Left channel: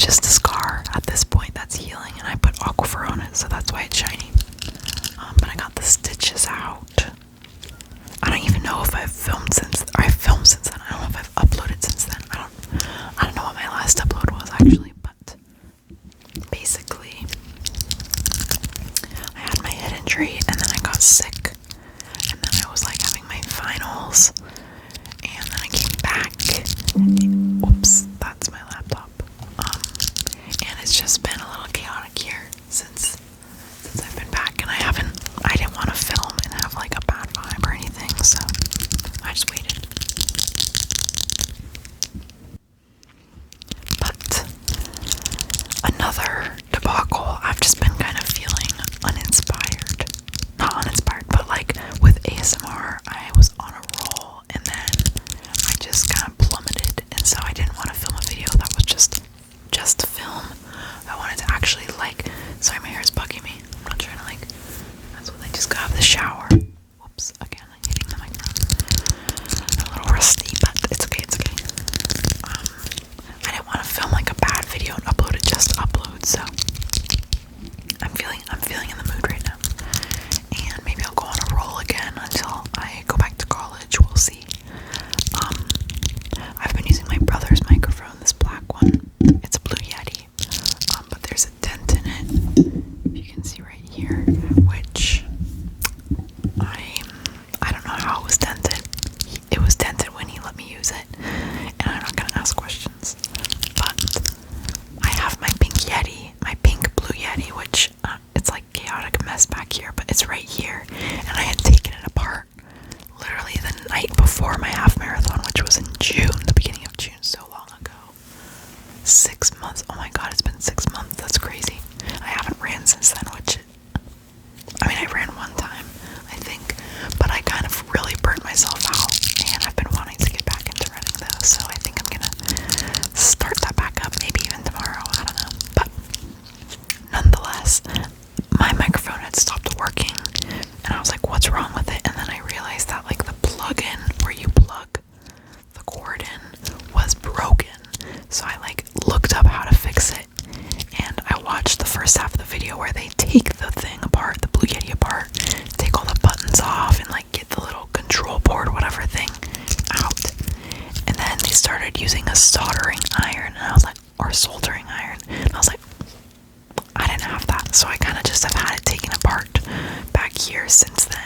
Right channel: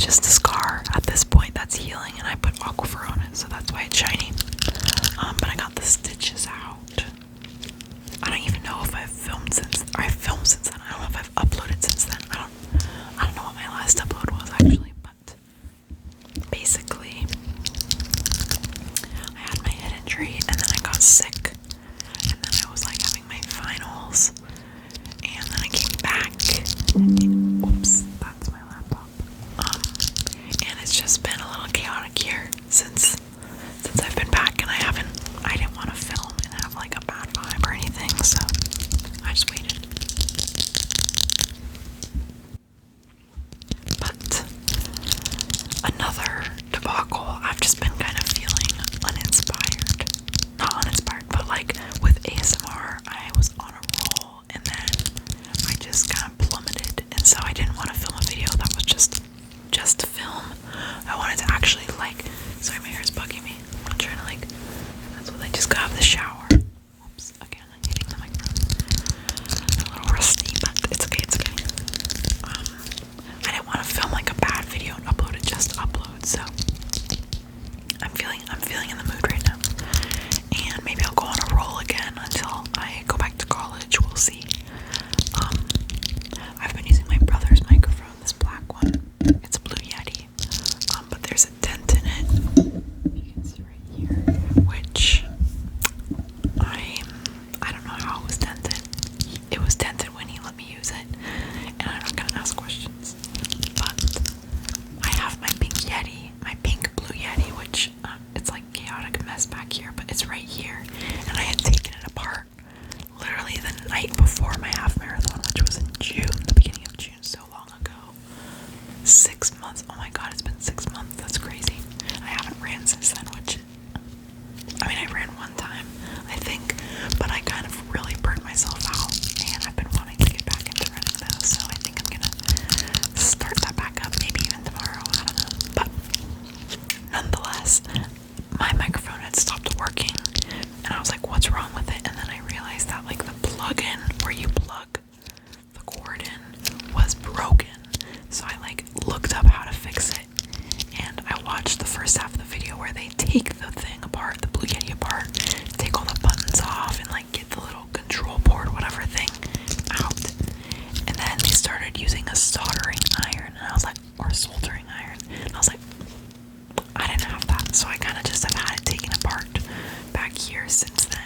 just a scar at this point that's healing, and I put aquifer on it, so that's why it's shiny. But I got the stitches out. I don't even know if I've filmed since then. I don't know if I've uploaded since then. I don't know what my last upload was actually, but basically I had my head injury and then I got sick, and then I was like having my finals, and then I came back. Oops, that's my laptop. And it's just been a little chaotic here since I've been back, and I didn't want to film and have like a bad vibe or anything, so I just waited. But another debacle, I've just been kind of feeling not uninspired, but like with ASMR, I was on a roll and then I just kind of plummeted, and so I didn't want to film a video that was just to film. I wanted to actually sorry, my hair is bugging me. I'm not trying to that's what I just got out of the shower. Whoops, again, I'm hitting the microphone. A little rusty, but it's okay, I didn't want to film like a bad video and upload it just to upload, so I'm feeling in the mood right now. And maybe I'll go on a roll again until I go back to college. We'll see. I've been using my brother's microphone, this black one. It's a Blue Yeti, but there's a dent in it, if you can see right here, which I don't know how it was dented. It was dented when he let me use it, and I'm not gonna ask questions. But I have my pink Blue Yeti, which it's like chaotic mess back here, but it's right here, and I had taken it apart literally the night before my half marathon, which was in June, the beginning of June, so long ago. 6 months. Oh my god, it's been 6 months. That's crazy. I haven't ran since then, I ran one time, I think, but I kind of really burnt myself out, and I've been wanting to get back into running though, so I think I'm gonna start that back up, maybe even tomorrow, I don't know. But nonetheless, my microphone had stopped working, and I was like, what's wrong with it? And then I realized that the plug-in where you plug the cord in was broken. So I looked up how to fix it, and I watched the first half of the video where they take the thing apart, the Blue Yeti apart, take all the buttons off, and get the little control board, whatever thing, out. And then they started using a soldering iron, and I was like, or soldering iron, and I was like, I didn't have that, so I kind of just have had it taken apart back here since then.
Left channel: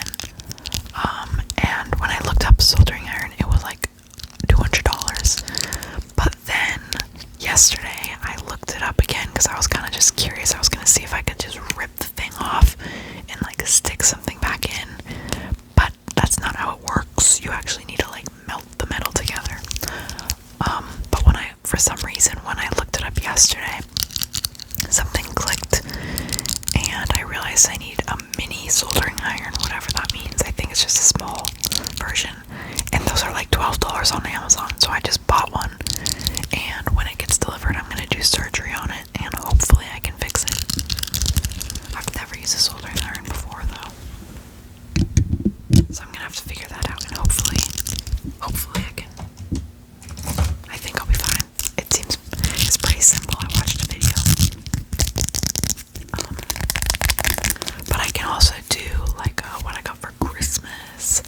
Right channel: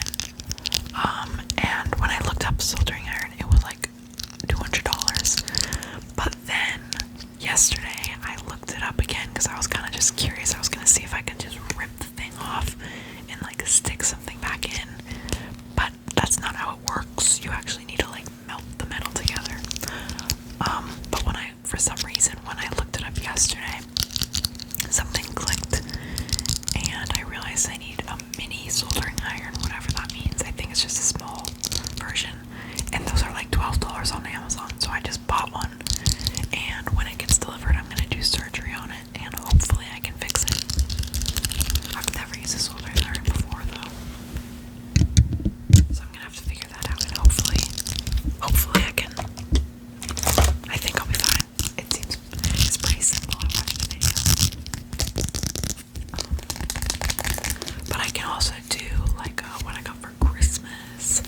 And when I looked up soldering iron, it was like $200. But then yesterday I looked it up again because I was kind of just curious. I was gonna see if I could just rip the thing off and stick something back in, but that's not how it works. You actually need to melt the metal together. But for some reason, when I looked it up yesterday, something clicked, and I realized I need a mini soldering iron, whatever that means. I think it's just a small version, and those are like $12 on Amazon, so I just bought one, and when it gets delivered, I'm gonna do surgery on it, and hopefully I can fix it. I've never used a soldering iron before, though, so I'm gonna have to figure that out, and hopefully I think I'll be fine. It's pretty simple. I watched a video. But I can also do what I got for Christmas.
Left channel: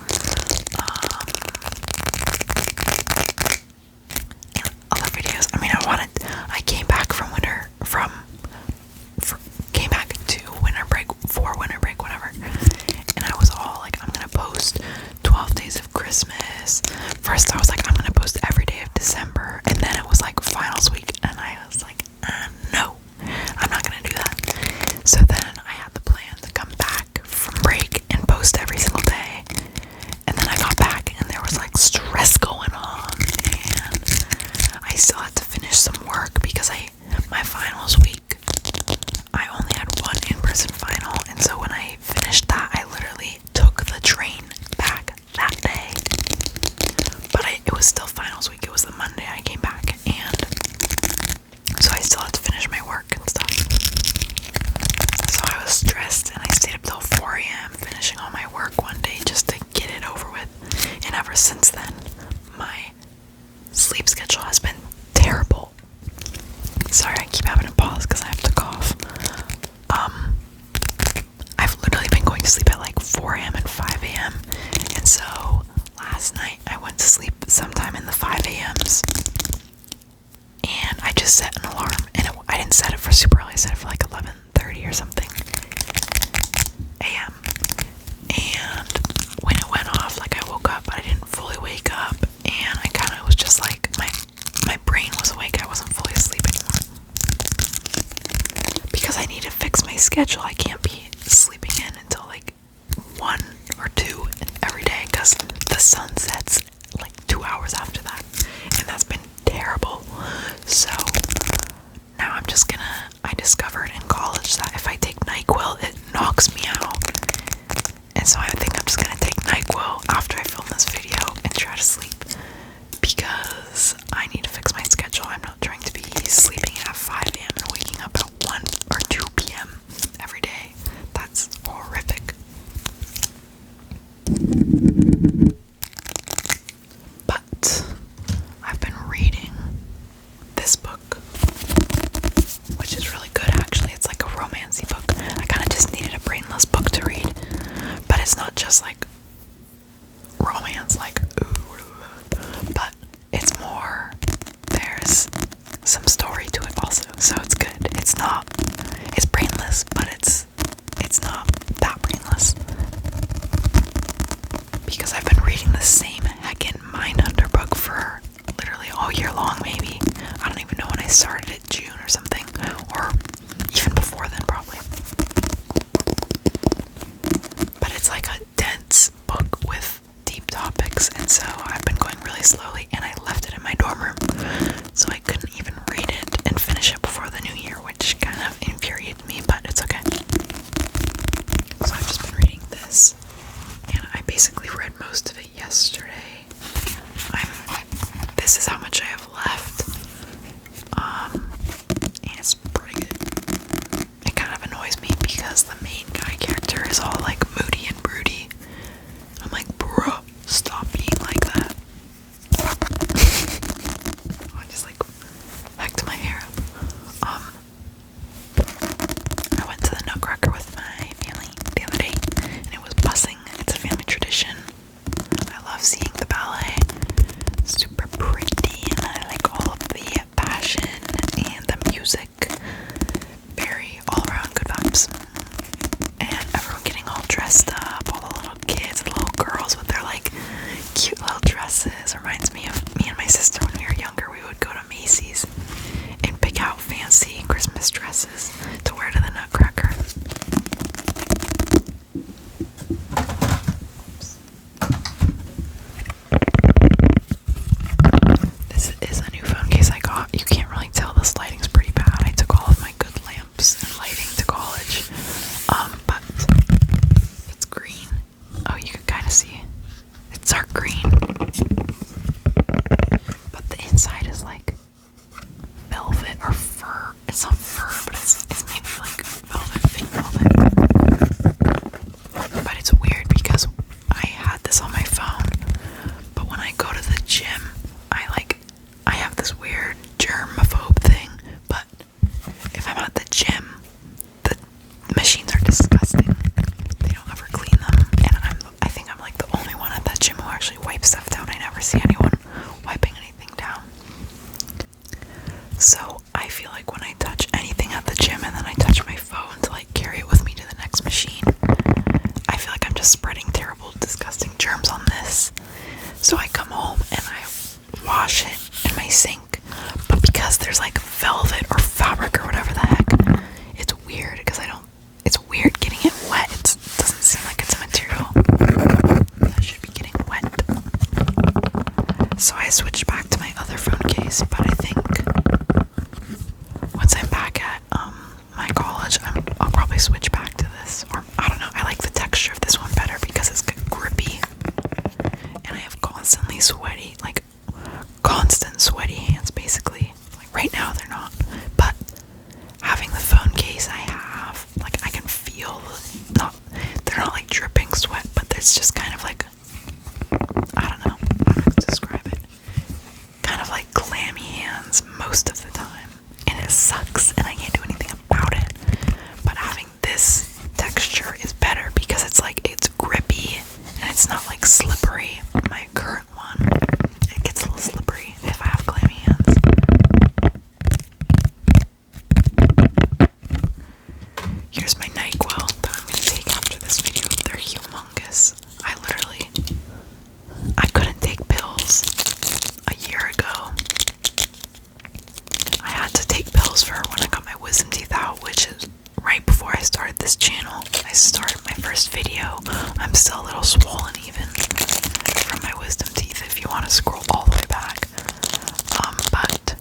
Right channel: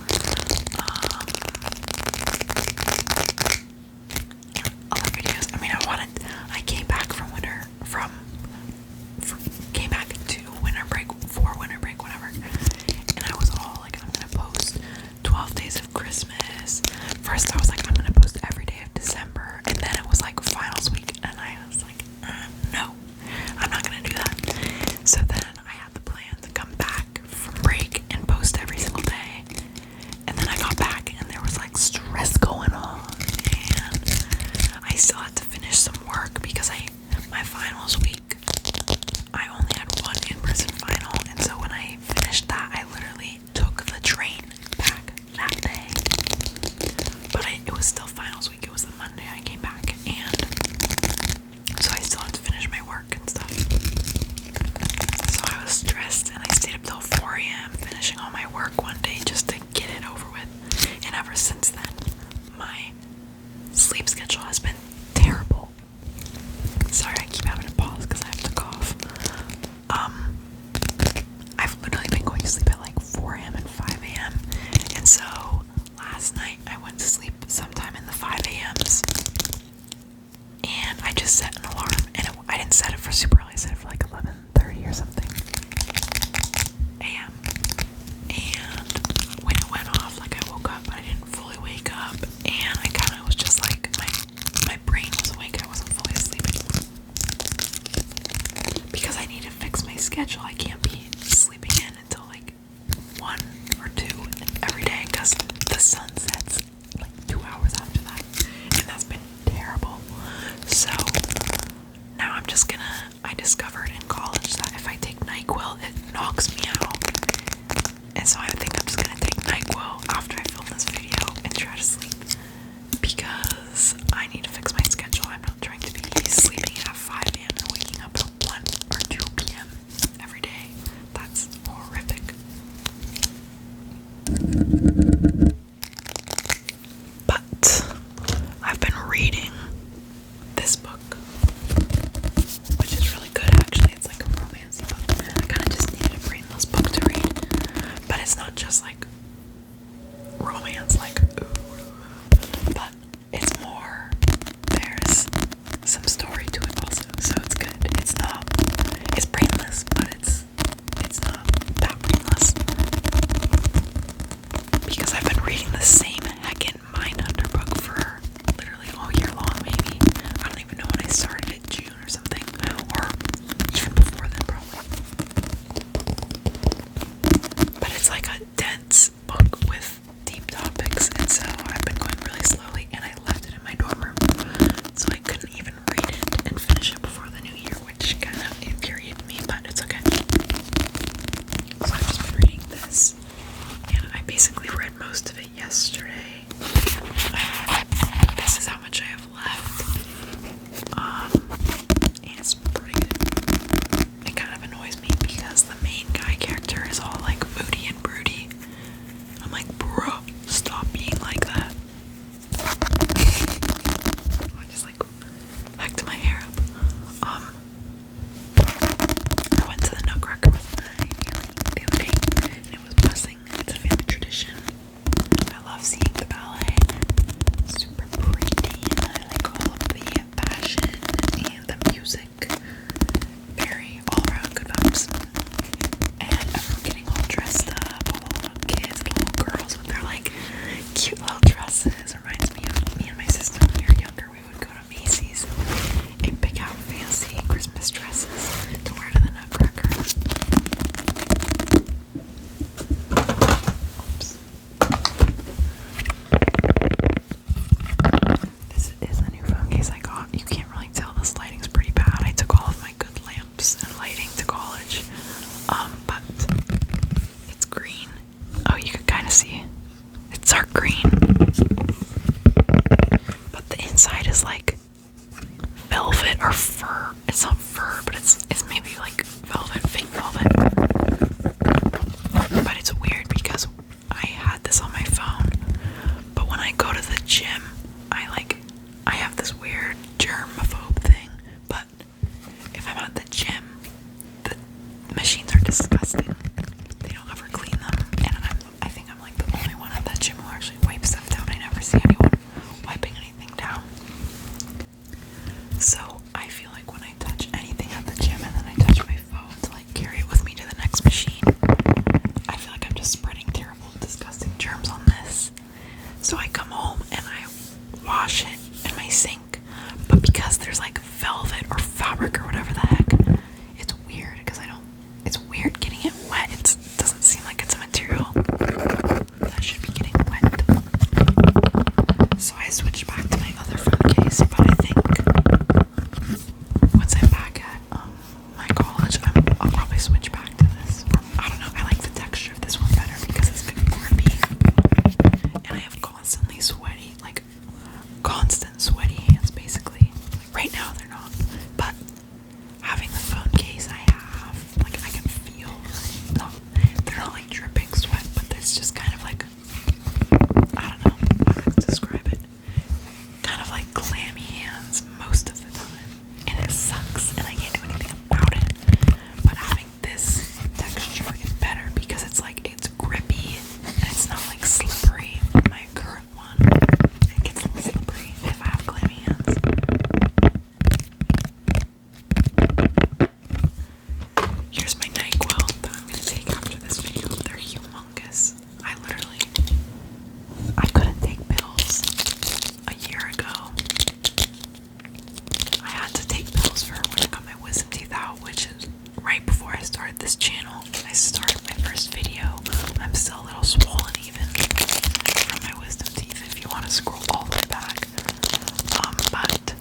just set an alarm, and I didn't set it for super early. I set it for like 11:30 or something a.m. And when it went off, like, I woke up, but I didn't fully wake up, and I kind of was just like, my brain was awake. I wasn't fully asleep anymore because I need to fix my schedule. I can't be sleeping in until like 1 or 2 every day because the sun sets like 2 hours after that, and that's been terrible. So now I discovered in college that if I take NyQuil, it knocks me out. And so I think I'm just gonna take NyQuil after I film this video and try to sleep because I need to fix my schedule. I'm not trying to be sleeping at 5 a.m. and waking up at 1 or 2 p.m. every day. That's horrific. But I've been reading this book, which is really good actually. It's like a romancy book. I kind of just needed a brainless book to read, but it's not just like romance, like ooh, but it's more, there's some story to it also, so it's good. It's brainless, but it's not that brainless, because I've been reading the same heckin' Mindhunter book for literally all year long, maybe. I don't even know when I started it, June or something, or even before then probably. But it's like a dense book with deep topics, and so I've been going really slowly, and I left it in my dorm room, so I couldn't even read it and finish it before the new year, which kind of infuriated me, but it's okay. So I've just been reading this, and I basically read most of it yesterday. This is how much I have left, and it's pretty good. It kind of annoys me because the main guy character is all like moody and broody. I'm like, bro, stop being like that. I just like hacked my hair up. I went to the Nutcracker with my family the other day, and it was buzzing. It's a family tradition. I love seeing the ballet. It's super pretty, and I like all of the passion and the music. Very all around good vibes. And everyone getting all dressed up, all the little kids, the little girls with their like cute little dresses. Reminds me of me and my sister when we were younger. We would go to Macy's and pick out fancy Christmas dresses to wear to the Nutcracker. This is a new phone case I got. You can't really tell, this lighting's pretty bad. I took all of my good lamps and lighting to college. But it's green. Oh, you can kind of see. It's dark green. But the inside is like velvet or fur. It's not fur, but it's maybe like velvet, fake velvet. But it's weird because I had this on my phone, but when I go to the gym, I have this weird germaphobe thing, but if I'm at the gym, the machines are disgusting. They don't ever clean them, and I think I'm like the only one at that gym who actually wipes stuff down. I never see anyone wiping anything down. So I feel like when I touch anything at the gym and then I touch my phone to like carry it with me to the next machine, I feel like I'm just spreading terrible, disgusting germs on this. So I come home and I wash it in my sink, but because there's like velvet or fabric or whatever the heck, it's weird because it's weird getting it wet. It doesn't seem like it's a material that should be getting wet. So I switched back to my other phone case, but I think once I'm back at my college, I'll probably switch back to this. Or I don't know, I like the texture of this one better because it's grippy, and I have constantly constant sweaty hands basically. Like right now they're not, but having the phone case I have, like I can feel, they're not like dripping sweat, but it's just kind of like, I don't know how to describe it, kind of like clammy hands most of the time, and it sucks and I can't do anything about it. But having this texture is better because it's grippy and it's not like slippery. My current one, it gets a little slippery if I have clammy hands. started my first video. I'm still a little swollen even from my wisdom teeth if you want to scroll all the way back. But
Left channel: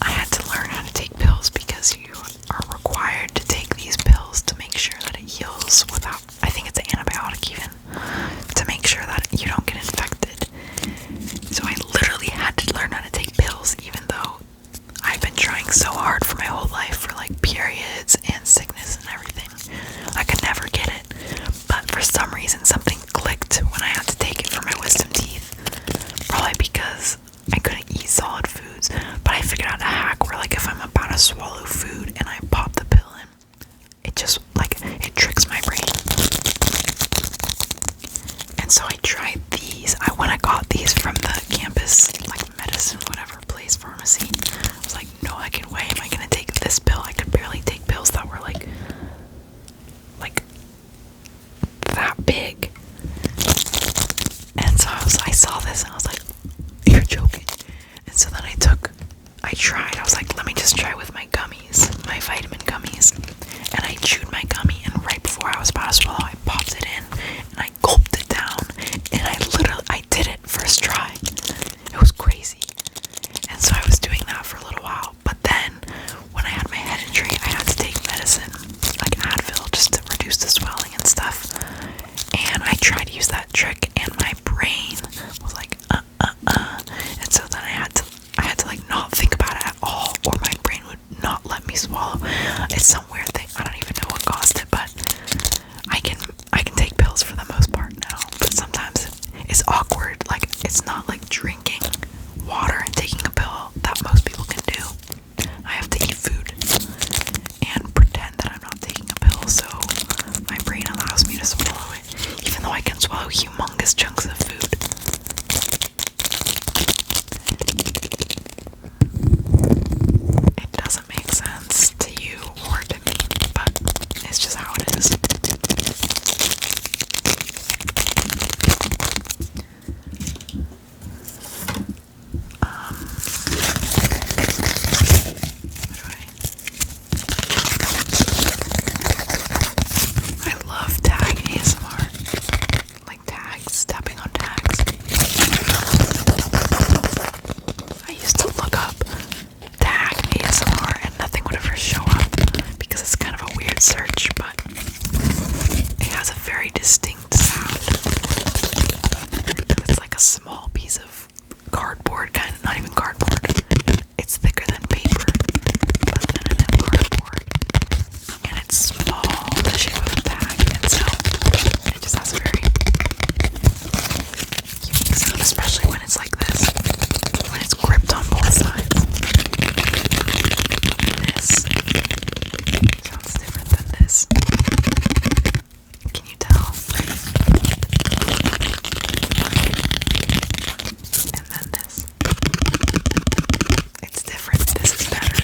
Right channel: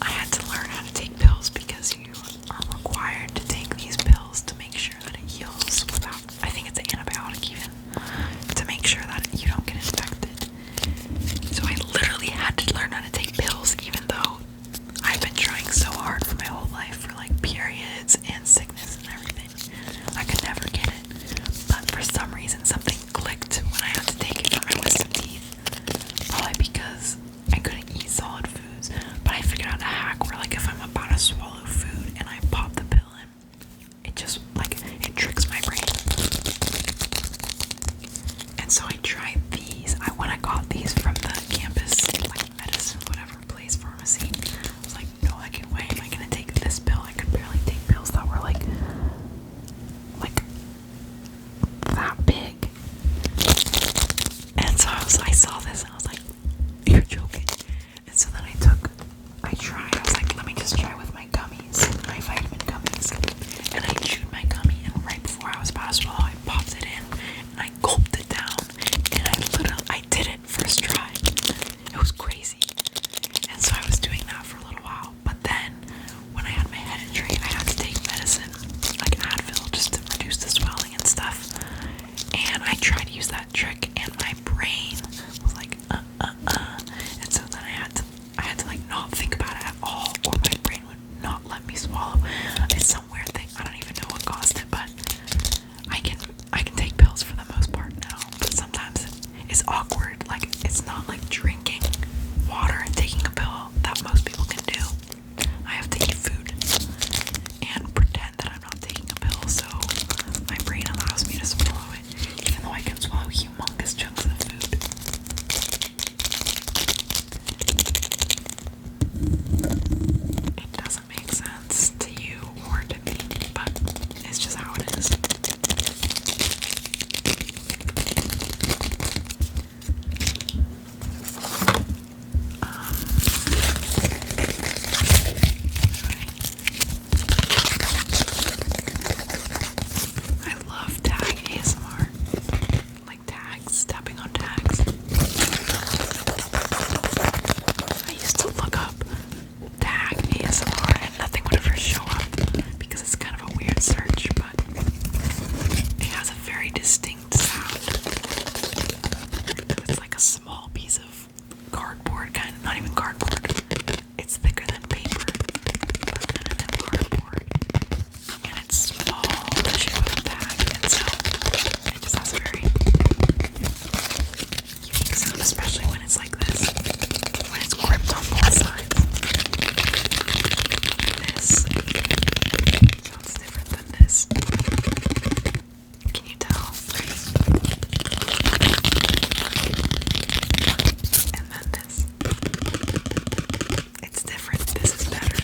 I had to learn how to take pills because you are required to take these pills to make sure that it heals without, I think it's an antibiotic even, to make sure that you don't get infected. So I literally had to learn how to take pills even though I've been trying so hard for my whole life for like periods and sickness and everything. I could never get it. But for some reason something clicked when I had to take it for my wisdom teeth. Probably because I couldn't eat solid foods. But I figured out a hack where like if I'm about to swallow food and I pop the pill in, it just like it tricks my brain. And so I tried these. When I got these from the campus like medicine whatever place pharmacy, I was like, no fucking way am I gonna take this pill. I could barely take pills that were like that big. And so I saw this and I was like, you're joking. And so then I tried, I was like, let me just try with my gummies, my vitamin gummies. And I chewed my gummy, and right before I was about to swallow, I popped it in and I gulped it down, and I did it first try. It was crazy. And so I was doing that for a little while, but then when I had my head injury, I had to take medicine, like Advil, just to reduce the swelling and stuff. And I tried to use that trick, and my brain was like, and so then I had to like not think about it at all, or my brain would not let me swallow. It's some weird thing. I don't even know what caused it, but I can take pills for the most part now. But sometimes it's awkward. Like, it's not like drinking water and taking a pill that most people can do. I have to eat food and pretend that I'm not taking a pill, so my brain allows me to swallow it, even though I can swallow humongous chunks of food. It doesn't make sense to you or to me, but it's just how it is. I love tag ASMR, like tags, tapping on tags. I used to look up tag ASMR and nothing would ever show up because it's kind of a weird search, but it has a very distinct sound. It's like a small piece of cardboard, kind of, not even cardboard. It's thicker than paper, but thinner than cardboard. And it's small, the shape of a tag, and so it just has a very unique sound, especially when it's like this, when it's gripped on both sides. This sounds different than this. Can you tell? And then this. It's different. This is better.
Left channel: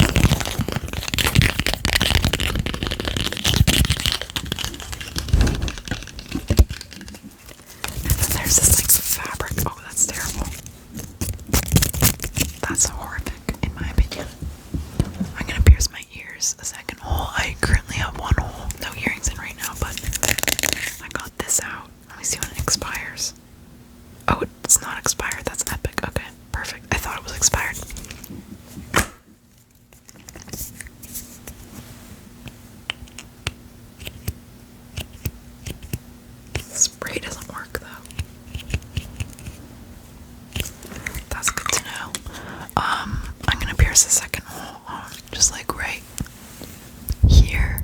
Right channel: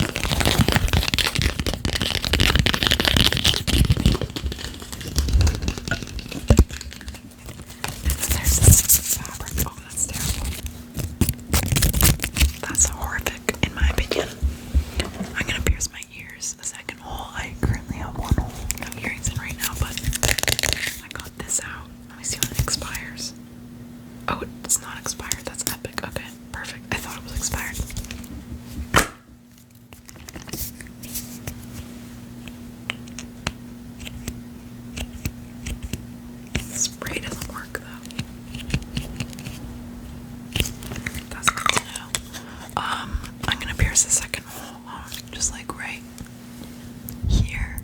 And then there's this like fabric. Oh, that's terrible. That's horrific in my opinion. I'm gonna pierce my ears. The second hole. I currently have one hole. No earrings in right now, but I got this out. Let me see when it expires. Oh, it's not expired. That's epic. Okay, perfect. I thought it was expired. Spray doesn't work though. That's good to know. I'm gonna pierce the second hole, just like right here,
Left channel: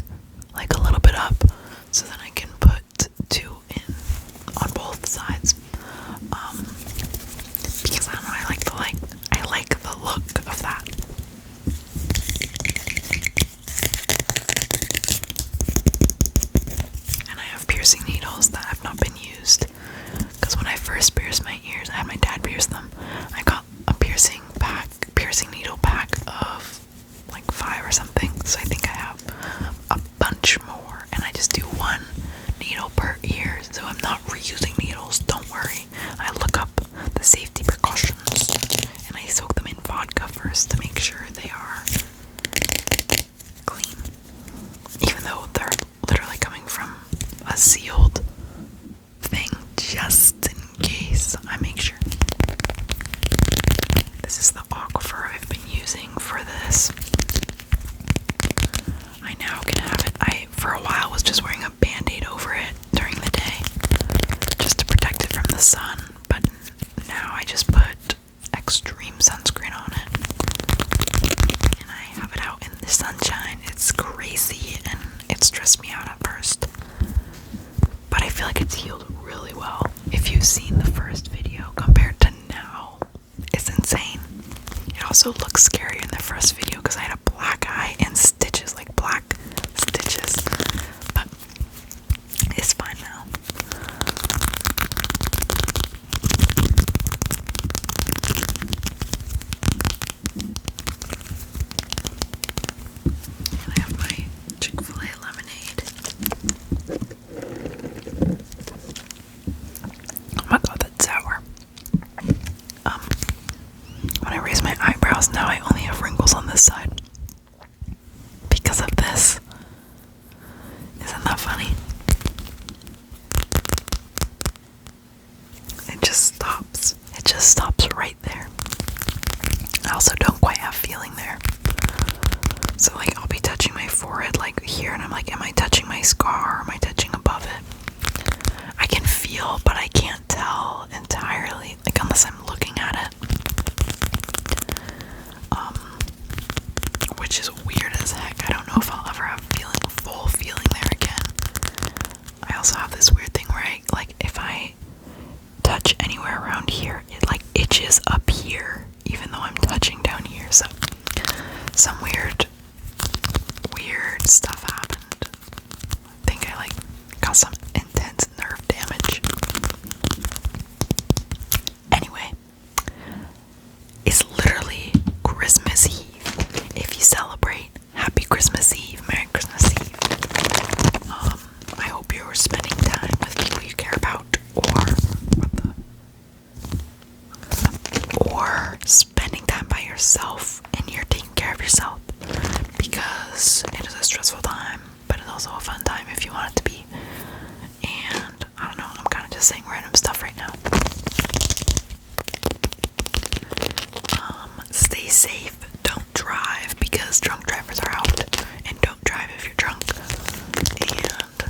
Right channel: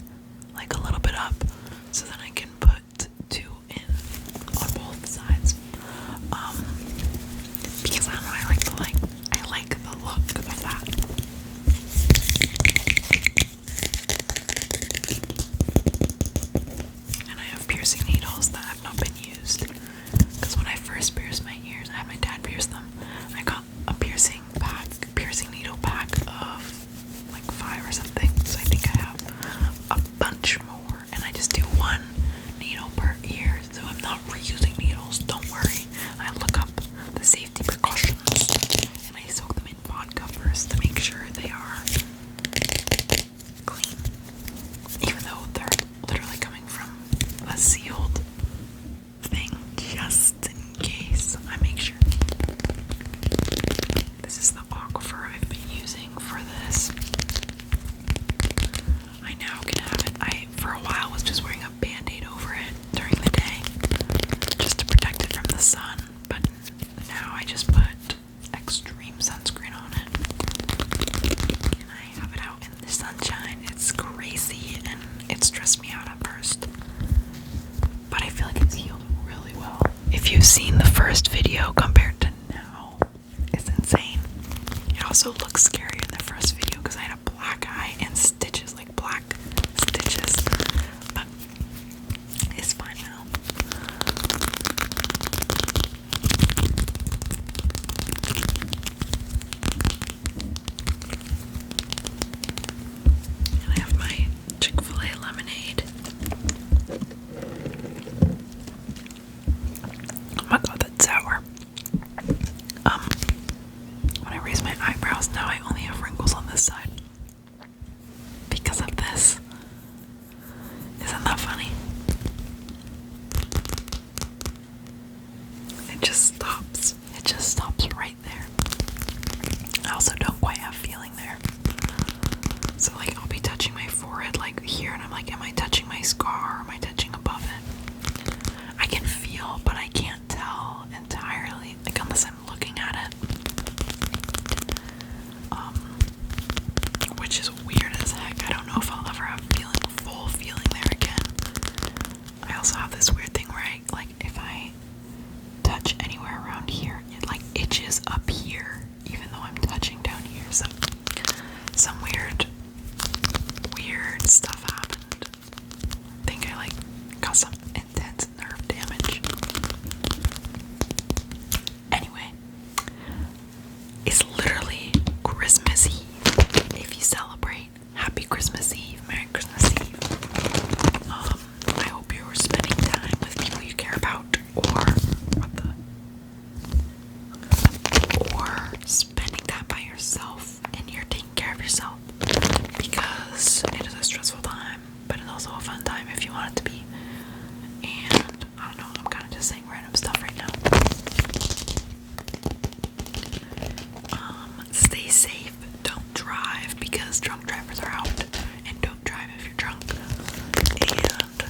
like a little bit up, so then I can put two in on both sides. Because I don't know, I like the look of that. And I have piercing needles that have not been used. Because when I first pierced my ears, I had my dad pierce them. I got a piercing needle pack of like 5 or something. So I think I have a bunch more, and I just do one needle per ear, so I'm not reusing needles. Don't worry. I look up the safety precautions, and I soak them in vodka first to make sure they are clean. Even This is the aquifer I've been using for this. I now can have it. I, for a while, was just wearing a band-aid over it during the day just to protect it from the sun, but now I just put extreme sunscreen on it. And I have it out in the sunshine. It's crazy and it stressed me out at first. But I feel like it's healed really well. If you've seen the first video compared to now, it's insane. It also looks scary in the first video because I had a black eye and stitches, like black stitches. But it's fine now. And I have my Chick-fil-A lemonade. Oh my god, that's sour. When I raise my eyebrows now, I only have wrinkles on this side because of this. Isn't that funny? It just stops. It just stops right there. I also don't quite have feeling there. So like I'll be touching my forehead like here and I'm like, am I touching my scar or am I touching above it? I can feel, but I can't tell entirely, like unless I'm looking at it. Which is weird as heck. I don't know if I'll ever have full feeling there again. I also have this weird thing where I, like, if I touch anywhere around here, it like itches up here, even though I'm touching down here. So some weird stuff happened. I think I like got some intense nerve damage. Anyway, it's literally Christmas Eve. If you celebrate, happy Christmas Eve, Merry Christmas Eve. I hope you're spending time with people you care about, or spending time by yourself and you're taking care of yourself, because it is a stressful time, but it's also a fun time if you want it to be. And I don't know, I'm kind of just saying random stuff right now. Stay safe. Don't drive because drunk drivers are out, and don't drive if you're drunk. And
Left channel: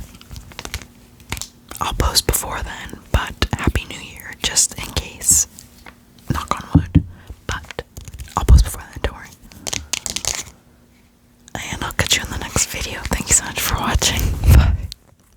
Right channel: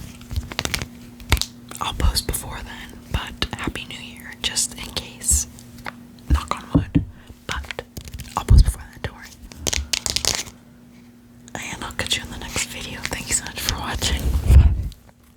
I'll post before then, but Happy New Year just in case. Knock on wood. But I'll post before then, don't worry. And I'll catch you in the next video.